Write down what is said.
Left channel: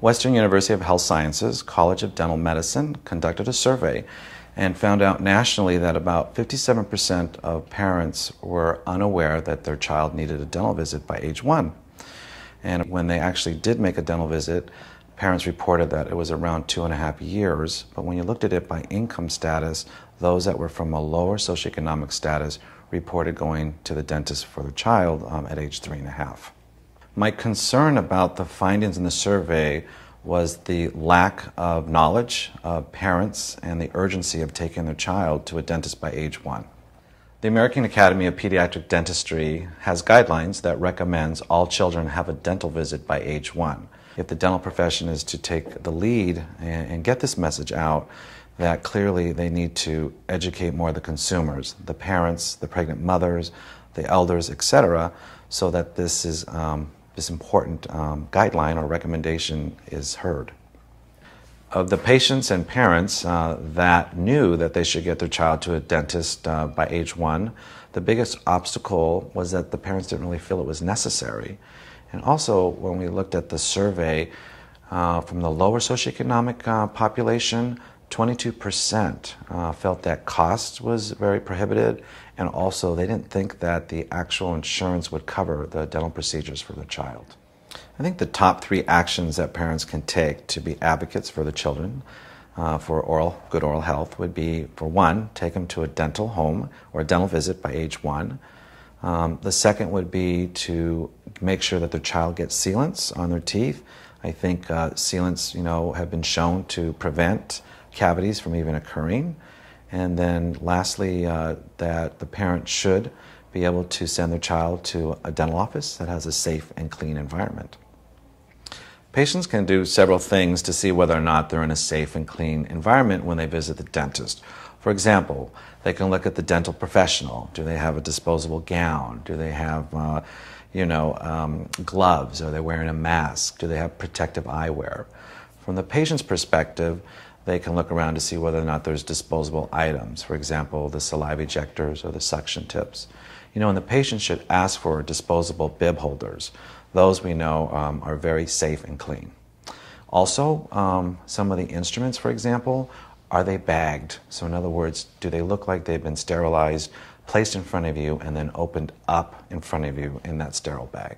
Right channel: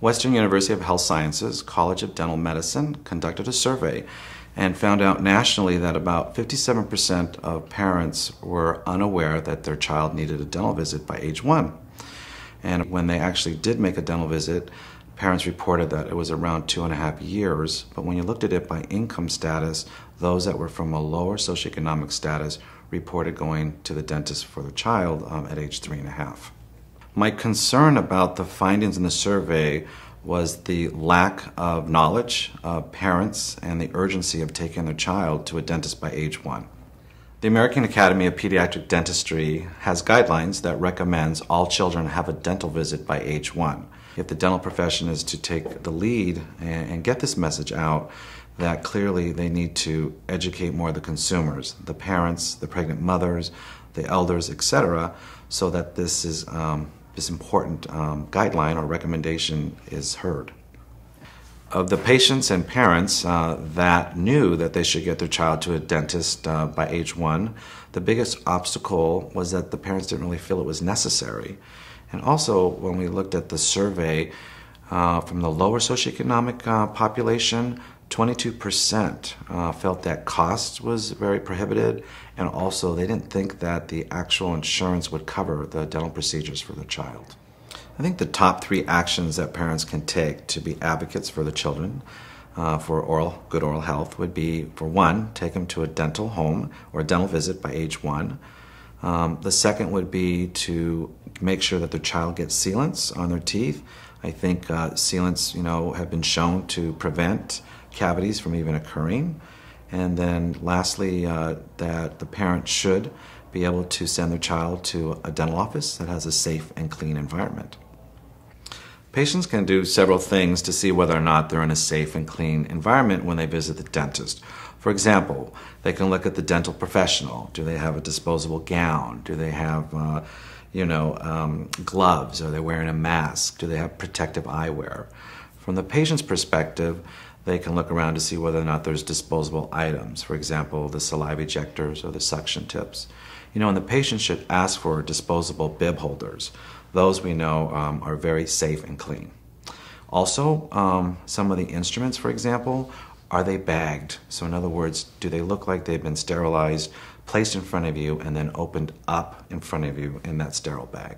Western University of Health Sciences College of Dental Medicine conducted a survey and found out nationally that about 57% of parents were unaware that their child needed a dental visit by age 1. And when they actually did make a dental visit, parents reported that it was around 2.5 years. But when you looked at it by income status, those that were from a lower socioeconomic status reported going to the dentist for their child at age 3.5. My concern about the findings in the survey was the lack of knowledge of parents and the urgency of taking their child to a dentist by age 1. The American Academy of Pediatric Dentistry has guidelines that recommends all children have a dental visit by age 1. If the dental profession is to take the lead and get this message out, that clearly they need to educate more of the consumers, the parents, the pregnant mothers, the elders, etc., so that this important guideline or recommendation is heard. Of the patients and parents that knew that they should get their child to a dentist by age 1, the biggest obstacle was that the parents didn't really feel it was necessary. And also, when we looked at the survey from the lower socioeconomic population, 22% felt that cost was very prohibitive, and also they didn't think that the actual insurance would cover the dental procedures for their child. I think the top 3 actions that parents can take to be advocates for the children for good oral health would be, for one, take them to a dental home or a dental visit by age 1. The second would be to make sure that their child gets sealants on their teeth. I think sealants, have been shown to prevent cavities from even occurring. And then lastly, that the parent should be able to send their child to a dental office that has a safe and clean environment. Patients can do several things to see whether or not they're in a safe and clean environment when they visit the dentist. For example, they can look at the dental professional. Do they have a disposable gown? Do they have gloves? Are they wearing a mask? Do they have protective eyewear? From the patient's perspective, they can look around to see whether or not there's disposable items. For example, the saliva ejectors or the suction tips. And the patient should ask for disposable bib holders. Those we know are very safe and clean. Also, some of the instruments, for example, are they bagged? So in other words, do they look like they've been sterilized, placed in front of you, and then opened up in front of you in that sterile bag?